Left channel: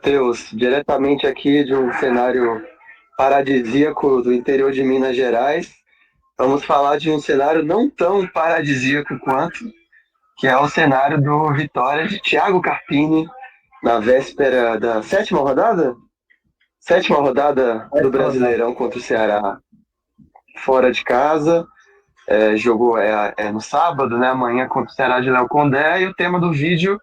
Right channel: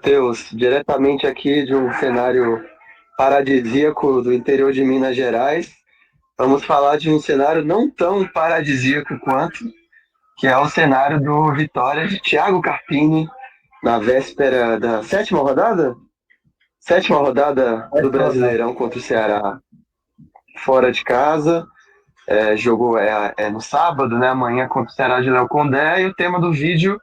Matheus, diretamente aqui de um cenário paradisíaco do interior de Minas Gerais. Vamos falar de um cenário não tão paradisíaco quanto, que é o cenário do Vitória de Thiago Carpini na véspera da sétima rodada? Sétima rodada do Ótima rodada. Brasileirão contra o Ceará fora de casa. Jogou no sábado, né? Amanhã contra o Ceará de Léo Condé. E o tema do vídeo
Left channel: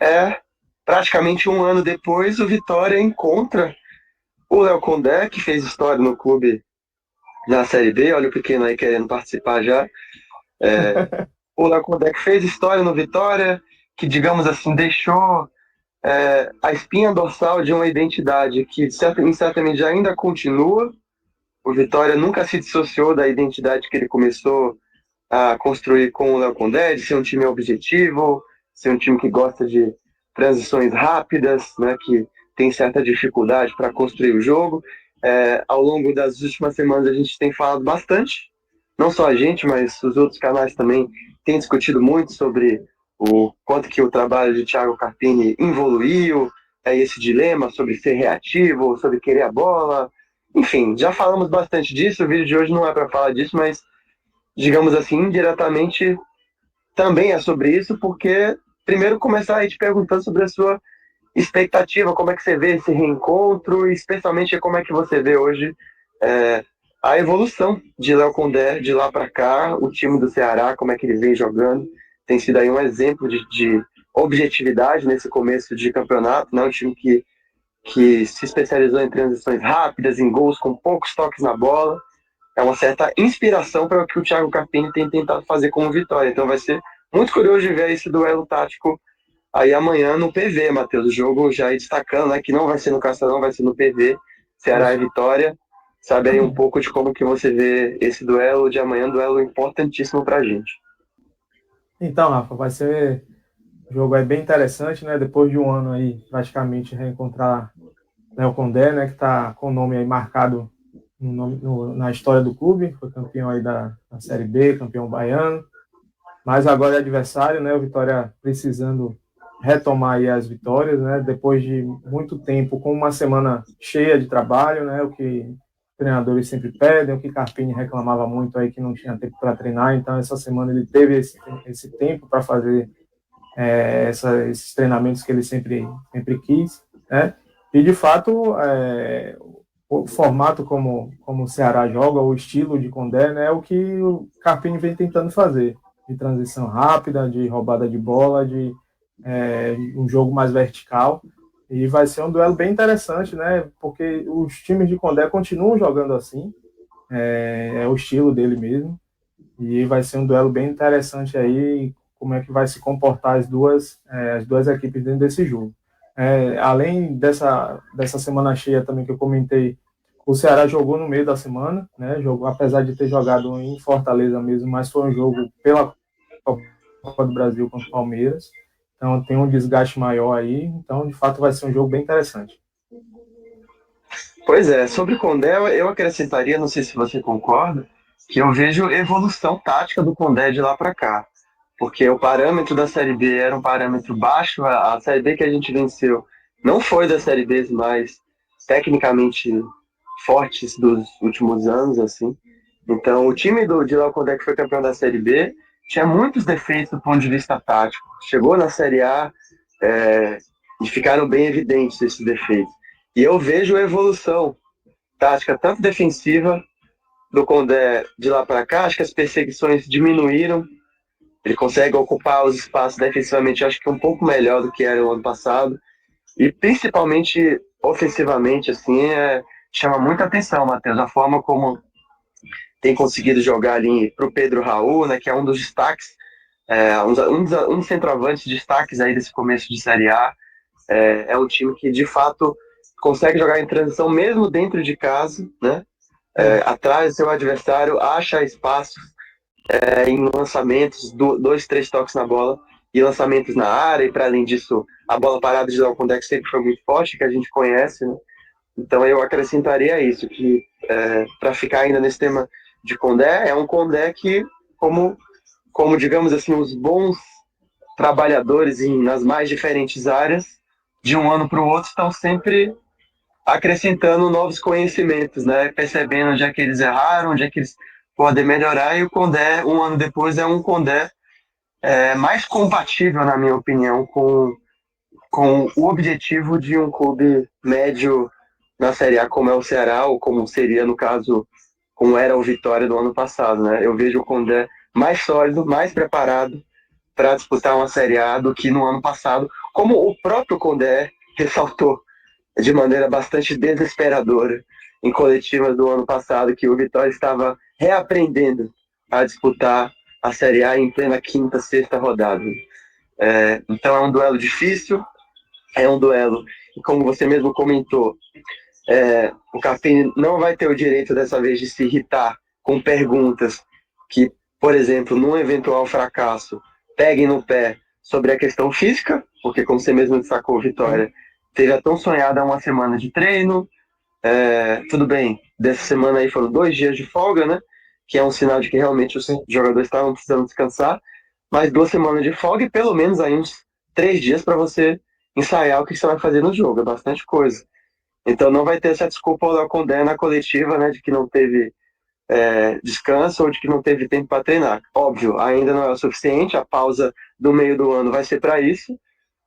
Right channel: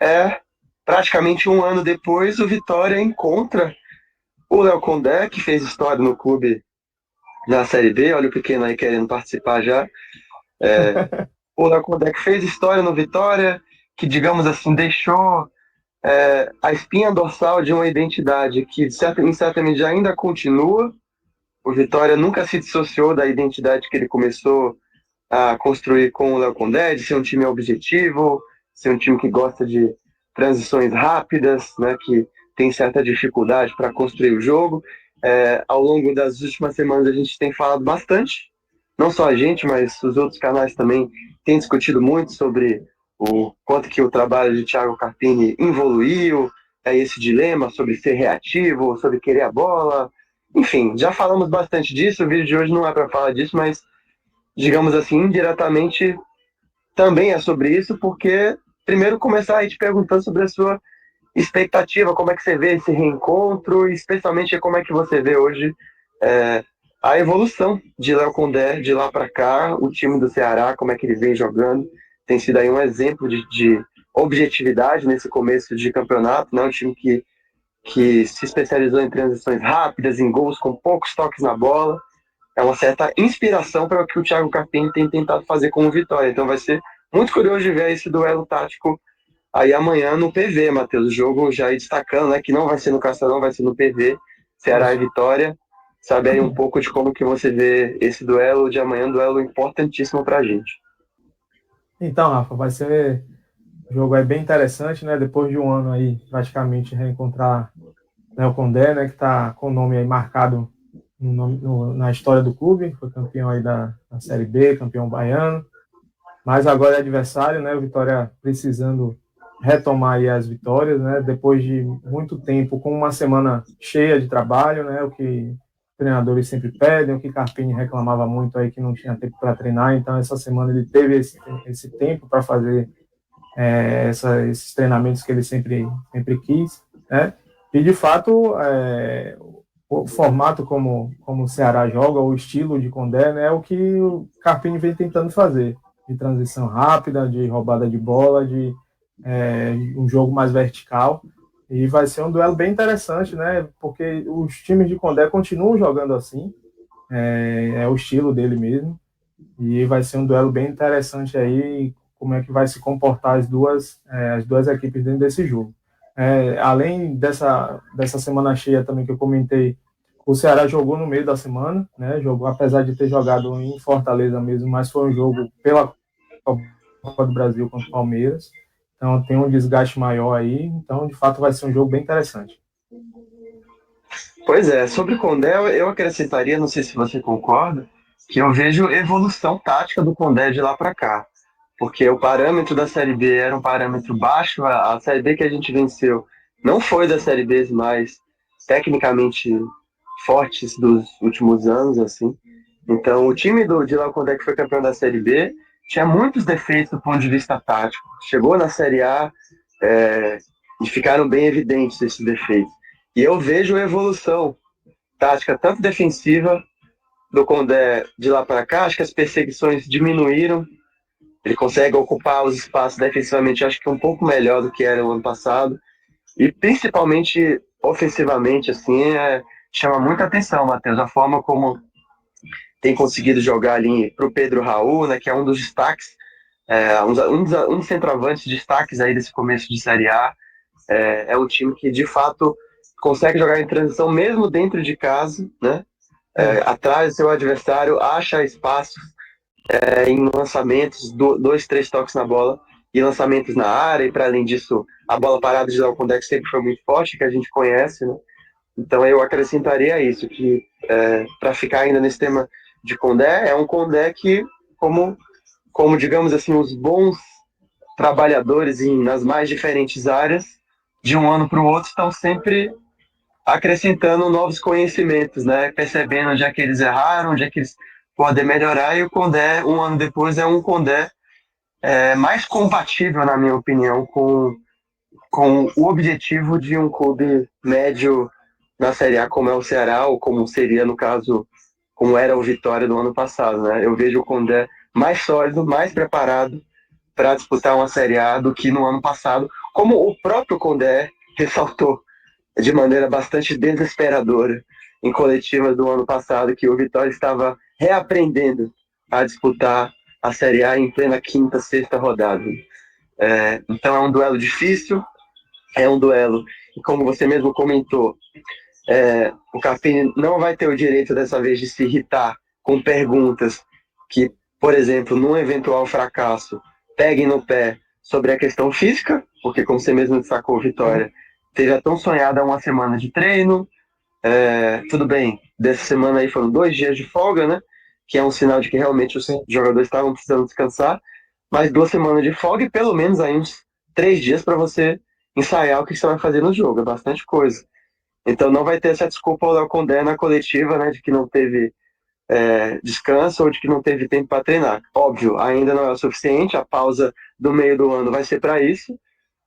é praticamente um ano depois, o Vitória encontra o Léo Condé, que fez história no clube na Série B. Olha o pequeno aí querendo participar já. O Léo Condé que fez história no Vitória, que, digamos assim, deixou a espinha dorsal de uma identidade que, em certa medida, ainda continua. O Vitória nunca se dissociou da identidade que ele começou a construir com o Léo Condé, de ser um time objetivo, ser um time que gosta de transições rápidas, né, que tem certa dificuldade para construir o jogo. Ao longo das últimas semanas a gente tem falado bastante, não só a gente, mas os outros canais também têm discutido muito sobre o quanto que o trabalho de Thiago Carpini evoluiu, esse dilema sobre ser reativo, sobre querer a bola. Enfim, já falamos bastante disso, o vídeo de hoje não é para falar disso, mas digamos assim, indiretamente também é sobre isso, porque primeiro começar aí te perguntando sobre a sua expectativa, como é que você vê esse reencontro, e especialmente como é que você vê hoje é, a evolução de Léo Condé de lá para cá, o time do Ceará, como é que ele vem jogando, tem sido aí um exemplo de objetividade nesse começo de campeonato, né? Um time que se especializou em transições rápidas, em gols com poucos toques na bola, é uma certa inspiração para o que o Thiago Carpini tem tentado fazer como Vitória. Então vai ser muito curioso de ver esse duelo tático aí amanhã no PV, Matheus. O jogo já aí destacando, né, que não vai ser no Castelão, vai ser no PV, Ceará e Isso. Vitória. Sabe aí um pouco de como que você vê esse duelo de amanhã, um duelo importantíssimo para a gente. Então, Rafa, vai ser um jogo aí bem interessante, né? Depois de um ano aí, praticamente, reencontrar Léo Condé, né? Que está com o nome aí marcado na história do clube. Foi campeão aí da Série B, campeão baiano. Mas agora é adversário, né? O Vitória precisando retomar aí as vitórias, né? Depois de muito tempo, com uma semana cheia de trabalho, né? O que os treinadores sempre pedem, o que Carpini reclamava muito aí que não tinha tempo para treinar. Então essa semana ele teve esse tempo para fazer esses treinamentos que ele sempre quis, né? E de fato o formato como o Ceará joga, o estilo de Condé, né, é o que o Carpini vem tentando fazer, de transição rápida, de roubada de bola, de um jogo mais vertical, e vai ser um duelo bem interessante, né, porque os times de Condé continuam jogando assim, é o estilo dele mesmo, e vai ser um duelo bem interessante aí, como é que vai se comportar as duas equipes dentro desse jogo. Além dessa semana cheia também que eu comentei, o Ceará jogou no meio da semana, né? Jogou, apesar de ter jogado em Fortaleza mesmo, mas foi um jogo pela Copa do Brasil contra o Palmeiras. Então tem um desgaste maior aí. Então, de fato, vai ser um jogo bem interessante. Pois é, sobre o Condé, eu acrescentaria, não sei se você concorda, que eu vejo evolução tática do Condé de lá para cá. Porque o parâmetro da Série B era um parâmetro baixo, a Série B que a gente venceu não foi das Série Bs mais tecnicamente fortes dos últimos anos, assim. Então, o time de Léo Condé, que foi campeão da Série B, tinha muitos defeitos do ponto de vista tático. Chegou na Série A é, e ficaram bem evidentes esses defeitos. E eu vejo a evolução tática, tanto defensiva do Condé de lá para cá, acho que as perseguições diminuíram, ele consegue ocupar os espaços defensivamente, acho que um pouco melhor do que era o ano passado. E principalmente ofensivamente, assim, chama muita atenção, Matheus, a forma como tem conseguido jogar ali para o Pedro Raul, né, que é um dos destaques, um dos centroavantes destaques aí desse começo de Série A. É um time que, de fato, consegue jogar em transição mesmo dentro de casa, né? Isso. Atrás do seu adversário, acha espaço em lançamentos, dois, três toques na bola e lançamentos na área, e para além disso, a bola parada de Dalcondé sempre foi muito forte, que a gente conhece, né? Então eu acrescentaria isso, que para ficar ainda nesse tema de Condé, é um Condé que, como digamos assim, os bons trabalhadores nas mais diferentes áreas, de um ano para o outro estão sempre acrescentando novos conhecimentos, né? Percebendo onde é que eles erraram, onde é que eles podem melhorar, e o Condé, um ano depois, é um Condé mais compatível, na minha opinião, com o objetivo de um clube médio na Série A, como é o Ceará, ou como seria, no caso, como era o Vitória do ano passado, né? Eu vejo o Condé mais sólido, mais preparado para disputar uma Série A do que no ano passado, como o próprio Condé ressaltou de maneira bastante desesperadora em coletivas do ano passado, que o Vitória estava reaprendendo a disputar a Série A em plena quinta, sexta rodada. Então é um duelo difícil, é um duelo, e como você mesmo comentou, o Carpini não vai ter o direito dessa vez de se irritar com perguntas que, por exemplo, num eventual fracasso, peguem no pé sobre a questão física, porque, como você mesmo destacou, Vitória, teve a tão sonhada uma semana de treino. Tudo bem, dessa semana aí foram 2 dias de folga, né? Que é um sinal de que realmente os jogadores estavam precisando descansar, mas 2 semanas de folga e pelo menos aí uns 3 dias para você ensaiar o que você vai fazer no jogo, é bastante coisa. Então não vai ter essa desculpa ao Léo Condé na coletiva, né, de que não teve descanso ou de que não teve tempo para treinar. Óbvio, ainda não é o suficiente, a pausa do meio do ano vai ser para isso,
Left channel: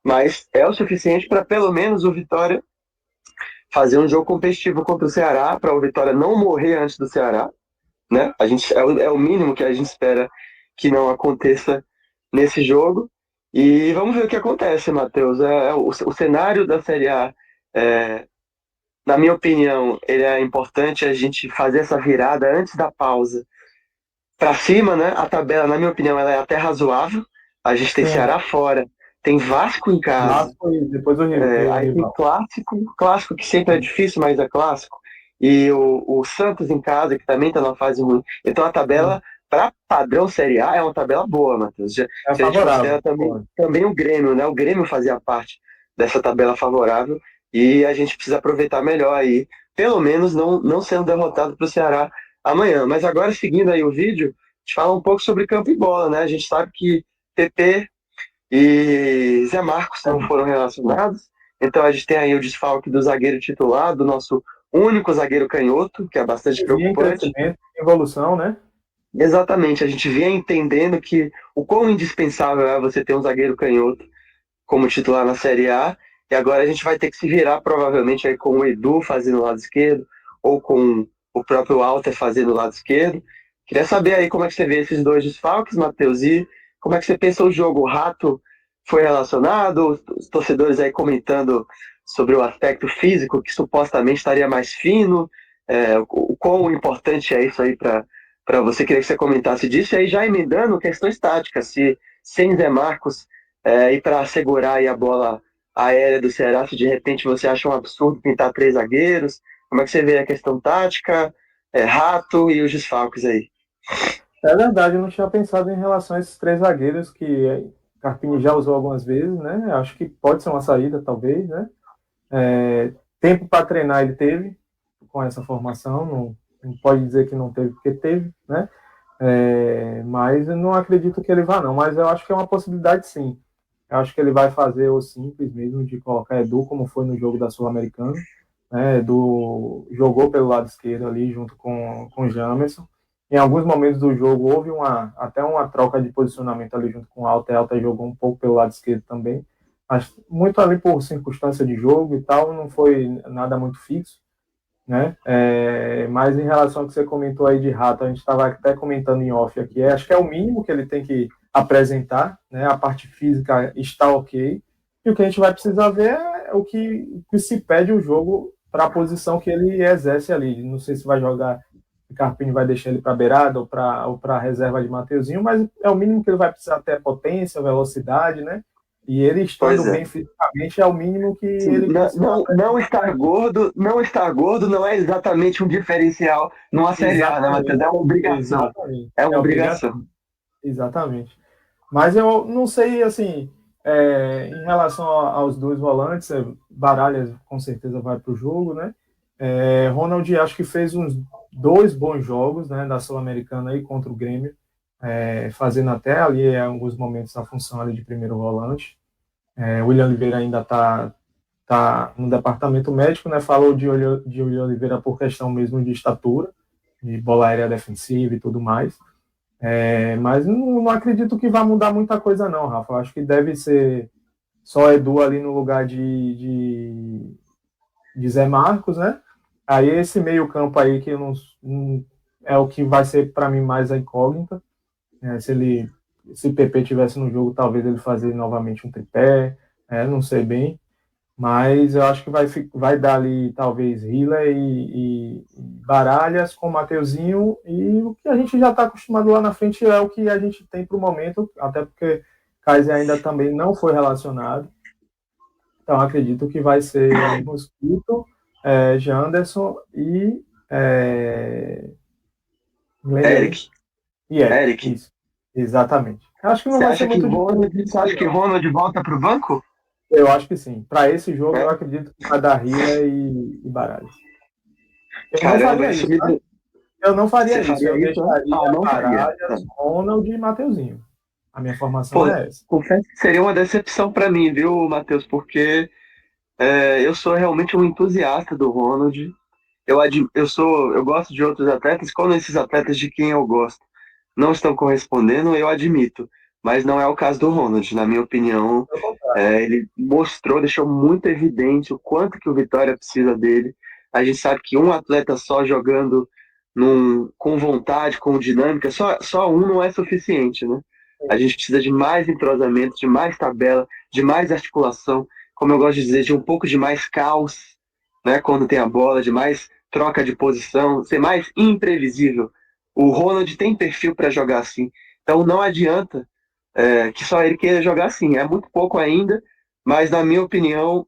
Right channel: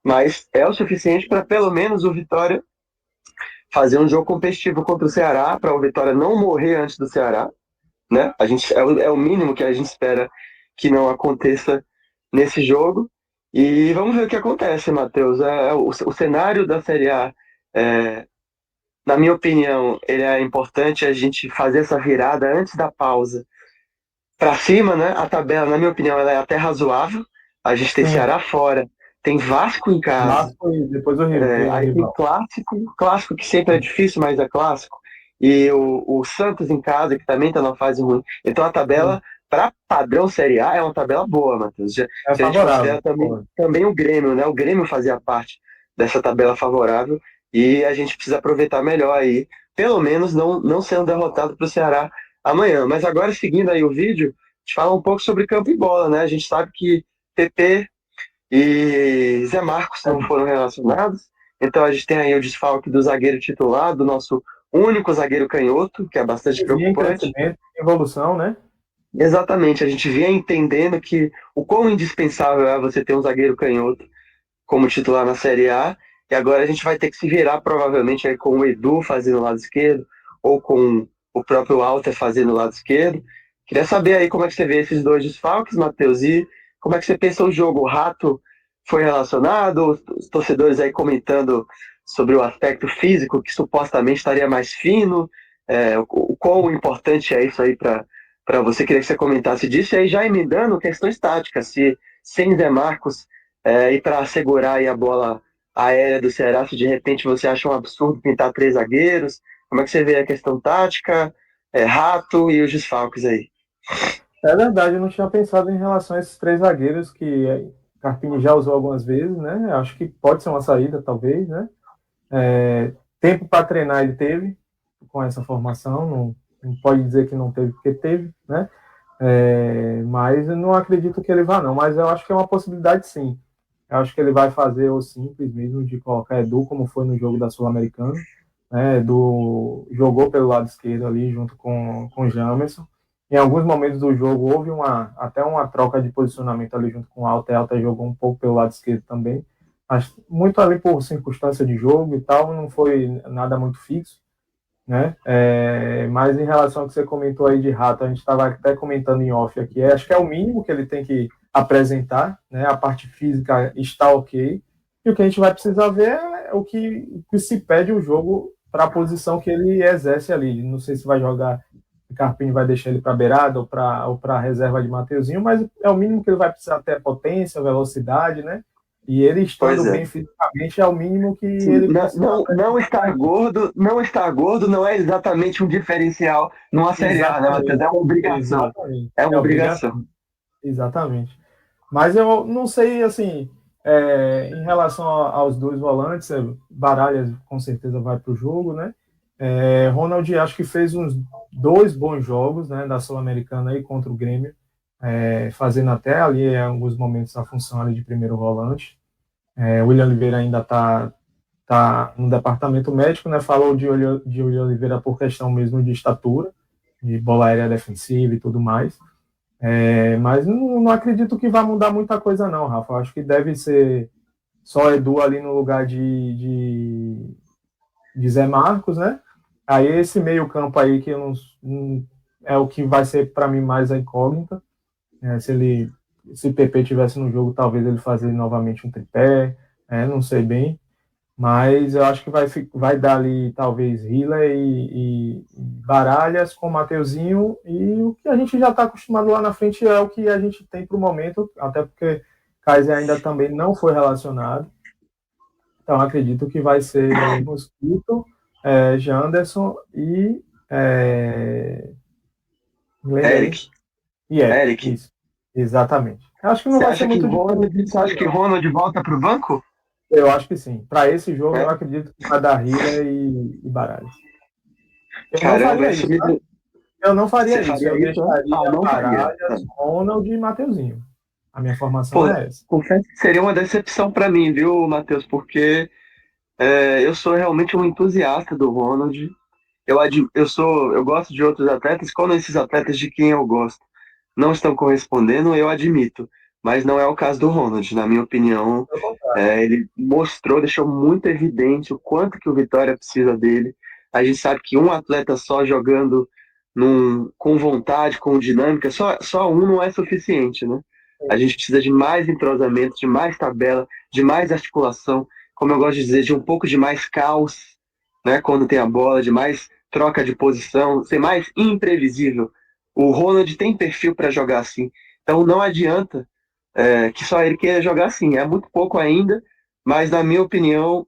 mas é o suficiente para pelo menos o Vitória fazer um jogo competitivo contra o Ceará, para o Vitória não morrer antes do Ceará, né? É o mínimo que a gente espera que não aconteça nesse jogo. E vamos ver o que acontece, Matheus. O cenário da Série A, é, na minha opinião, ele é importante a gente fazer essa virada antes da pausa para cima, né? A tabela, na minha opinião, ela é até razoável. A gente tem Sim, Ceará fora, tem Vasco em casa, Vasco e depois o aí tem rival. clássico que sempre é difícil, mas é clássico. E o Santos em casa, que também está numa fase ruim. Então a tabela, para padrão Série A, é uma tabela boa, Matheus. É Se a gente considera favorável. também o Grêmio, né? O Grêmio fazia parte dessa tabela favorável e a gente precisa aproveitar melhor aí, pelo menos não sendo derrotado para o Ceará amanhã. Mas agora, seguindo aí o vídeo, a gente fala um pouco sobre campo e bola, né? A gente sabe que PP e Zé Marcos não foram relacionados. Então a gente tem aí o desfalque do zagueiro titular, do nosso único zagueiro canhoto, que é bastante Que vinha em preocupante. crescimento, em evolução, né? Exatamente, a gente vinha entendendo que o quão indispensável é você ter um zagueiro canhoto como titular na Série A, e agora a gente vai ter que se virar provavelmente aí com o Edu fazendo o lado esquerdo, ou com o próprio Alter fazendo o lado esquerdo. Queria saber aí como é que você vê esses dois desfalques, Matheus, e como é que você pensa o jogo? O Rato foi relacionado, os torcedores aí comentando sobre o aspecto físico, que supostamente estaria mais fino, o quão importante é isso aí para você. Queria que você comentasse disso, e aí já emendando questões táticas, se sem Zé Marcos e para segurar aí a bola aérea do Ceará, se de repente você acha um absurdo pintar 3 zagueiros, como é que você vê a questão tática, Rato e os desfalques aí? É verdade, eu não tinha pensado em relação a esses três zagueiros que Carpini já usou algumas vezes, né? Acho que pode ser uma saída, talvez, né? Tempo para treinar ele teve com essa formação, não pode dizer que não teve, porque teve, né? Mas eu não acredito que ele vá, não. Mas eu acho que é uma possibilidade, sim. Eu acho que ele vai fazer o simples mesmo de colocar Edu, como foi no jogo da Sul-Americana. Né? Edu jogou pelo lado esquerdo ali, junto com o Jamerson. Em alguns momentos do jogo houve até uma troca de posicionamento ali junto com o Alta. Alta jogou um pouco pelo lado esquerdo também. Mas muito ali por circunstância de jogo e tal, não foi nada muito fixo, né? Mas em relação ao que você comentou aí de Rato, a gente estava até comentando em off aqui, acho que é o mínimo que ele tem que apresentar, né? A parte física está ok, e o que a gente vai precisar ver é o que se pede o jogo para a posição que ele exerce ali. Não sei se vai jogar, o Carpini vai deixar ele para beirada ou para reserva de Mateuzinho, mas é o mínimo que ele vai precisar ter potência, velocidade, né? E ele estando Pois é. bem fisicamente é o mínimo que Sim, ele não, precisa não, não apresentar para estar a equipe. gordo, não estar gordo não é exatamente um diferencial numa Série A, né, Matheus? Exatamente, É uma obrigação. exatamente. É É uma obrigação. obrigação, exatamente. Mas eu não sei, assim, em relação aos dois volantes, Baralhas com certeza vai para o jogo, né? Ronald acho que fez uns dois bons jogos, né, da Sul-Americana aí contra o Grêmio, fazendo até ali em alguns momentos a função ali de primeiro volante. William Oliveira ainda está tá no departamento médico, né? Falou de Oliveira por questão mesmo de estatura, de bola aérea defensiva e tudo mais. Mas não acredito que vai mudar muita coisa, não, Rafa. Eu acho que deve ser só Edu ali no lugar de Zé Marcos, né? Aí esse meio-campo aí que eu não é o que vai ser para mim mais a incógnita. Se o PP tivesse no jogo, talvez ele fazer novamente um tripé, não sei bem. Mas eu acho que vai dar ali, talvez, Hiller e Baralhas com o Mateuzinho. E o que a gente já está acostumado lá na frente é o que a gente tem para o momento, até porque Kaiser ainda também não foi relacionado. Então, acredito que vai ser Mosquito, Janderson e Eric. E Eric. Eric. Isso, exatamente. Eu acho que não Você vai ser acha que muito diferente Ronald, disso você aí, acha que não. Ronald volta pro banco? Eu acho que sim. Para esse jogo, eu É? acredito que vai dar Hiller e Baralhas. Eu não Caramba, faria isso isso, me. tá? Eu não Você faria isso. faria Eu isso? deixaria Ah, não faria. Baralhas, Ronald e Mateuzinho. A minha formação Pô, é essa. confesso que seria uma decepção para mim, viu, Matheus? Porque eu sou realmente um entusiasta do Ronald. Eu gosto de outros atletas. Quando esses atletas de quem eu gosto não estão correspondendo, eu admito. Mas não é o caso do Ronald. Na minha opinião, Pelo contrário. ele mostrou, deixou muito evidente o quanto que o Vitória precisa dele. A gente sabe que um atleta só jogando com vontade, com dinâmica, só um não é suficiente, né? A gente precisa de mais entrosamento, de mais tabela, de mais articulação, como eu gosto de dizer, de um pouco de mais caos, né? Quando tem a bola, de mais troca de posição, ser mais imprevisível. O Ronald tem perfil para jogar assim. Então não adianta que só ele queira jogar assim. É muito pouco ainda, mas na minha opinião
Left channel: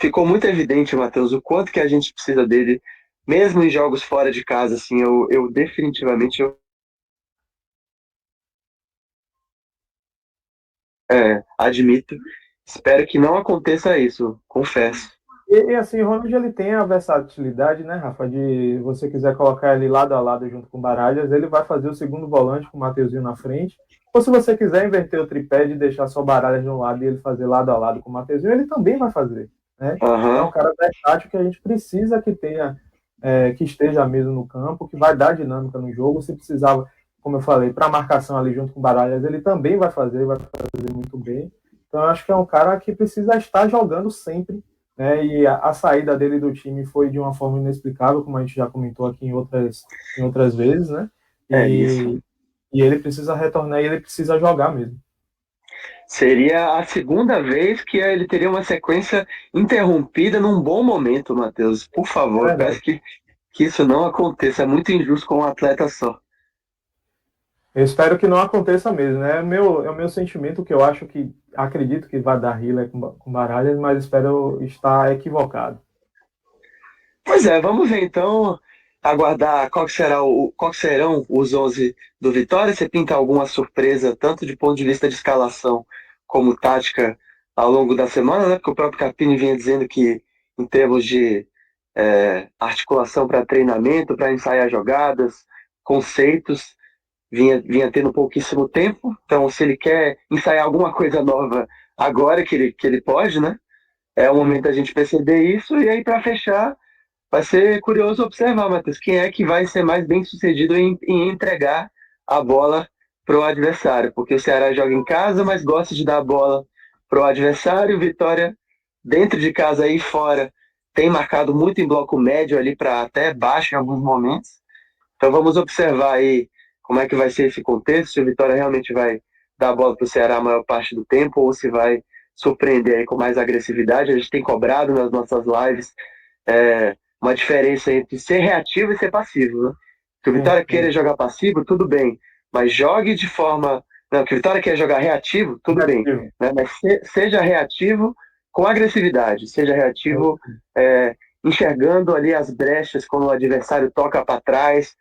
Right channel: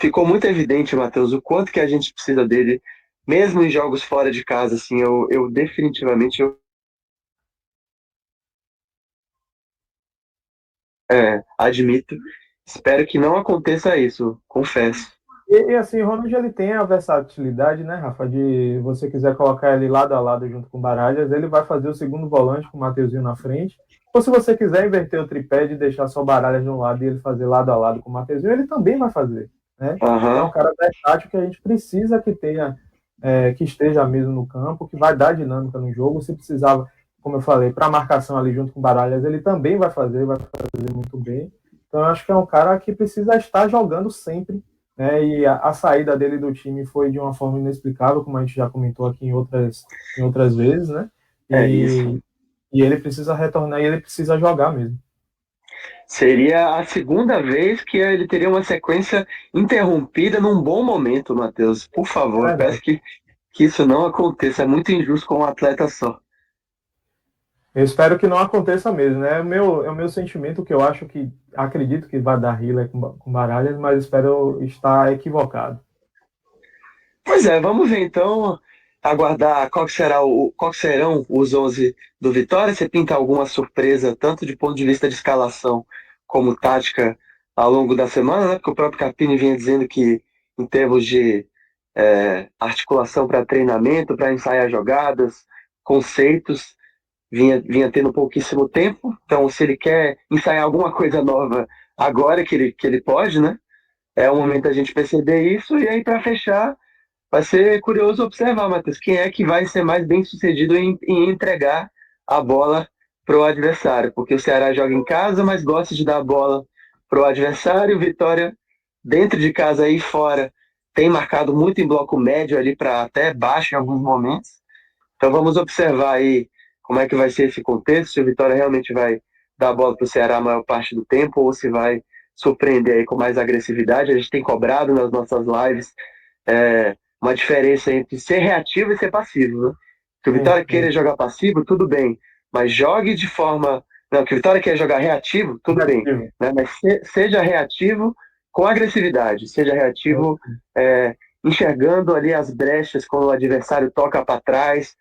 ficou muito evidente, Matheus, o quanto que a gente precisa dele, mesmo em jogos fora de casa. Assim, eu definitivamente admito. Espero que não aconteça isso, confesso. Assim, o Ronald ele tem a versatilidade, né, Rafa, de você quiser colocar ele lado a lado junto com o Baralhas, ele vai fazer o segundo volante com o Mateuzinho na frente. Ou se você quiser inverter o tripé de deixar só o Baralhas de um lado e ele fazer lado a lado com o Mateuzinho, ele também vai fazer, né? Então, é Aham. um cara versátil que a gente precisa que tenha, que esteja mesmo no campo, que vai dar dinâmica no jogo. Se precisava, como eu falei, para marcação ali junto com o Baralhas, ele também vai fazer muito bem. Então, eu acho que é um cara que precisa estar jogando sempre, né? E a saída dele do time foi de uma forma inexplicável, como a gente já comentou aqui em outras vezes, né? É isso. E ele precisa retornar e ele precisa jogar mesmo. Seria a segunda vez que ele teria uma sequência interrompida num bom momento, Matheus. Por É favor, verdade. peço que isso não aconteça. É muito injusto com um atleta só. Eu espero que não aconteça mesmo, né? É o meu sentimento que eu acho que acredito que vai dar Hiller com Baralhas, mas espero estar equivocado. Pois é, vamos ver então, aguardar qual que serão os 11 do Vitória. Você pinta alguma surpresa, tanto de ponto de vista de escalação como tática, ao longo da semana, né? Porque o próprio Capini vinha dizendo que, em termos de articulação para treinamento, para ensaiar jogadas, conceitos, vinha tendo pouquíssimo tempo. Então, se ele quer ensaiar alguma coisa nova agora que ele pode, né? É o momento Sim. da gente perceber isso. E aí, para fechar. Vai ser curioso observar, Matheus, quem é que vai ser mais bem sucedido em entregar a bola para o adversário. Porque o Ceará joga em casa, mas gosta de dar a bola para o adversário. Vitória, dentro de casa e fora, tem marcado muito em bloco médio ali para até baixo em alguns momentos. Então vamos observar aí como é que vai ser esse contexto, se o Vitória realmente vai dar a bola para o Ceará a maior parte do tempo ou se vai surpreender aí com mais agressividade. A gente tem cobrado nas nossas lives uma diferença entre ser reativo e ser passivo, né? Que o Sim, Vitória sim. queira jogar passivo, tudo bem, mas jogue de forma. Não, que o Vitória queira jogar reativo, tudo bem, Negativo. né? Mas seja reativo com agressividade, seja reativo enxergando ali as brechas quando o adversário toca para trás,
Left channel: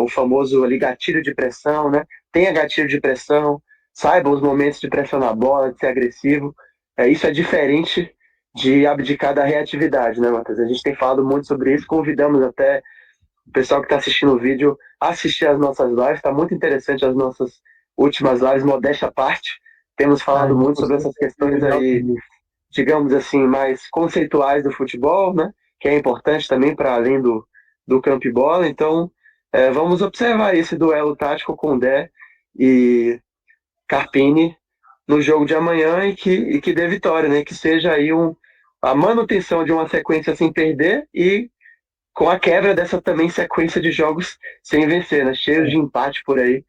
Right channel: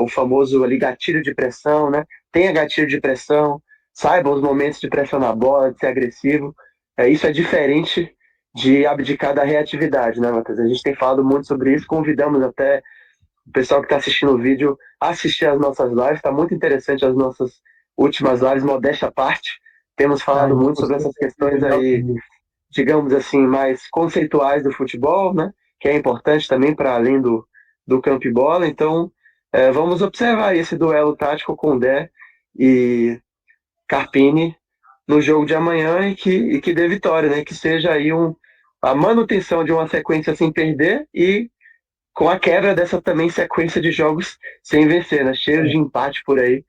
o famoso ali gatilho de pressão, né? Tenha gatilho de pressão, saiba os momentos de pressionar a bola, de ser agressivo. Isso é diferente de abdicar da reatividade, né, Matheus? A gente tem falado muito sobre isso, convidamos até o pessoal que está assistindo o vídeo a assistir as nossas lives, está muito interessante as nossas últimas lives, modéstia à parte. Temos A falado gente muito sobre conseguiu essas questões entender algo aí disso. digamos assim, mais conceituais do futebol, né? Que é importante também para além do campo e bola. Então, vamos observar esse duelo tático com Dé e Carpini no jogo de amanhã e que dê vitória, né? Que seja aí a manutenção de uma sequência sem perder e com a quebra dessa também sequência de jogos sem vencer, né? Cheio de empate por aí.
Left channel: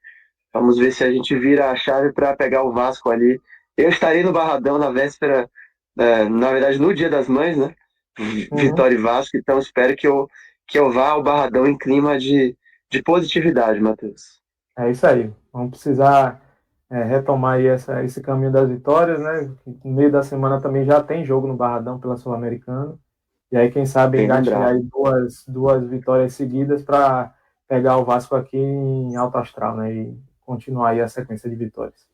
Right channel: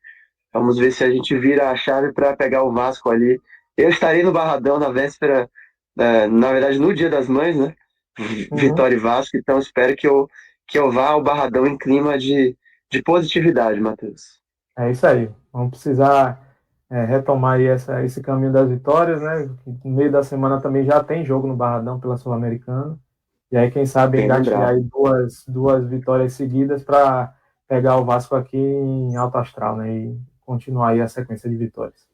Vamos ver se a gente vira a chave para pegar o Vasco ali. Eu estarei no Barradão na véspera, na verdade no Dia das Mães, né? Uhum. Vitória e Vasco, então espero que eu vá ao Barradão em clima de positividade, Matheus. É isso aí. Vamos precisar retomar aí esse caminho das vitórias, né? No meio da semana também já tem jogo no Barradão pela Sul-Americana. E aí, quem sabe, Bem engatilhar lembrado. aí duas vitórias seguidas para pegar o Vasco aqui em alto astral, né? E continuar aí a sequência de vitórias.